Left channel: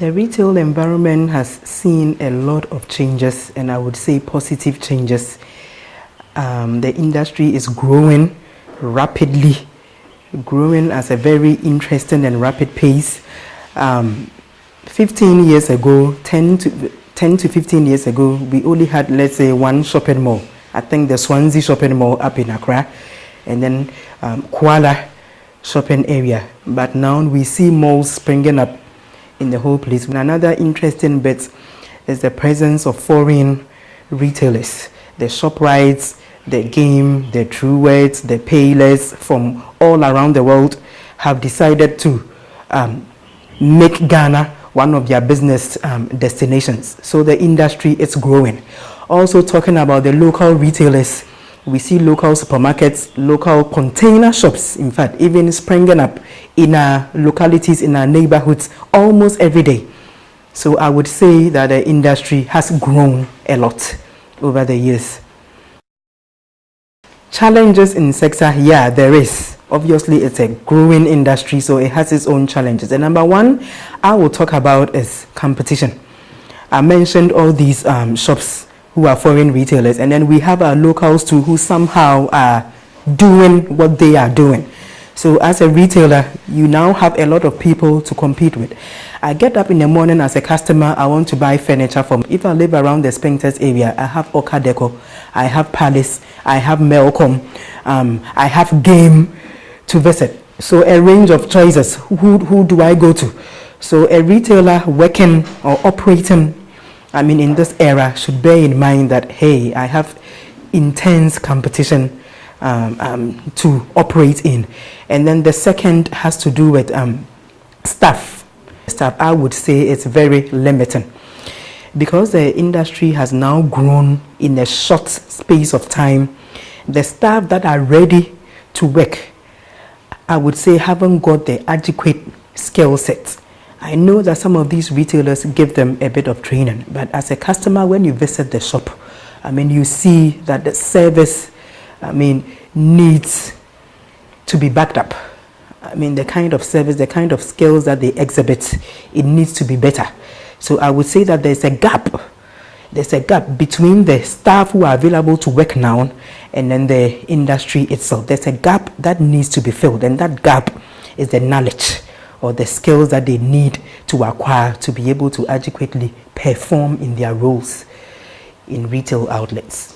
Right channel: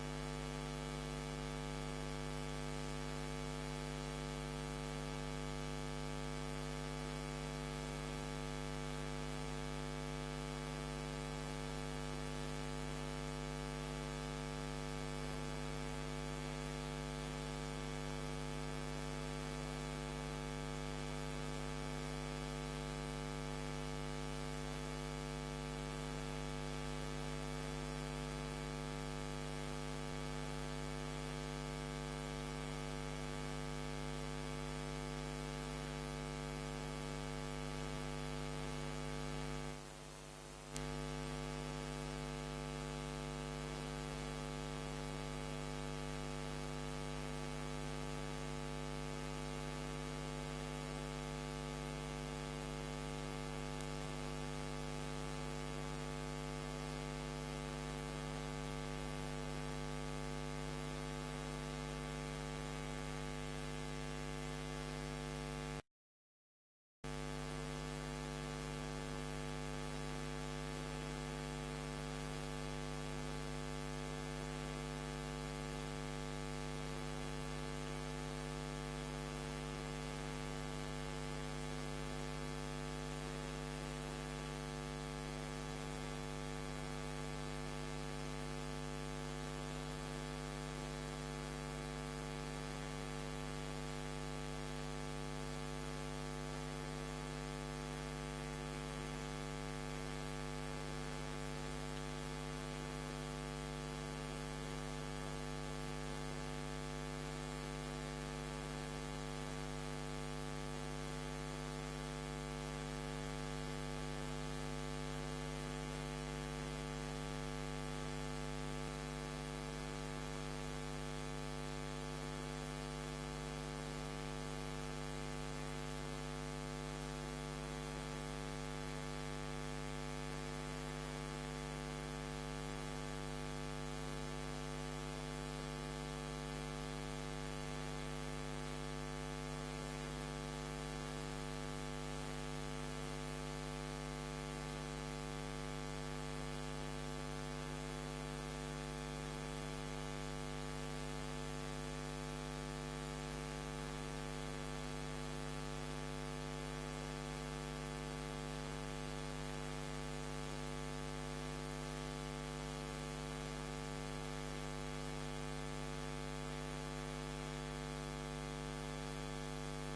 The retail environment has seen a lot of changes, and I would say positive changes. The industry is growing rapidly, growing at a very interesting and rapid pace. 15 years ago, 10 to 15 years ago, we only had, let's say, one shopping mall. I think the Swansea shopping mall up in Accra, and then Kuala shopping area. But now we see malls springing up in the whole place. Another interesting bit is the presence of foreign retailers. The ShopRites, the Game, the Truworths, the Payless from all around the world have decided to make Ghana one of their business destinations. So the industry is growing. Also talking about the local retailers, we see local supermarkets, local container shops, in fact, even springing up in our localities, in our neighborhoods, almost every day. So I would say that the industry has grown a lot over the years. Challenges in sector, yeah, there is. Obviously, it's a growing industry, so it has its own challenges. And number one, I will talk about is competition. I mentioned all these shops who are foreign retailers, and then we have our locals too who somehow are doing what they are doing. So as a retailer, you now have a lot of people to compete with. I get up in the morning as a customer, I want to buy furniture from. If I live around the Spintex area, I have Oka Deco, I have Palace, I have Melcom, I have Game to visit. So a range of choices. Who do I go to? So a retailer working or operating in this era should bear in mind that, hey, I have intense competition to operate in. And then the second has to do with staff. Staff, I would say it's very limiting. Because the industry has now grown in a short space of time, the staff that are ready to work, I would say, haven't got the adequate skill set. I know that some of these retailers give them a bit of training, but as a customer, when you visit the shop, you see that the service, needs to be backed up. The kind of service, the kind of skills that they exhibit, it needs to be better. So I would say that there's a gap. There's a gap between the staff who are available to work now and then the industry itself. There's a gap that needs to be filled, and that gap is the knowledge or the skills that they need to acquire to be able to adequately perform in their roles in retail outlets.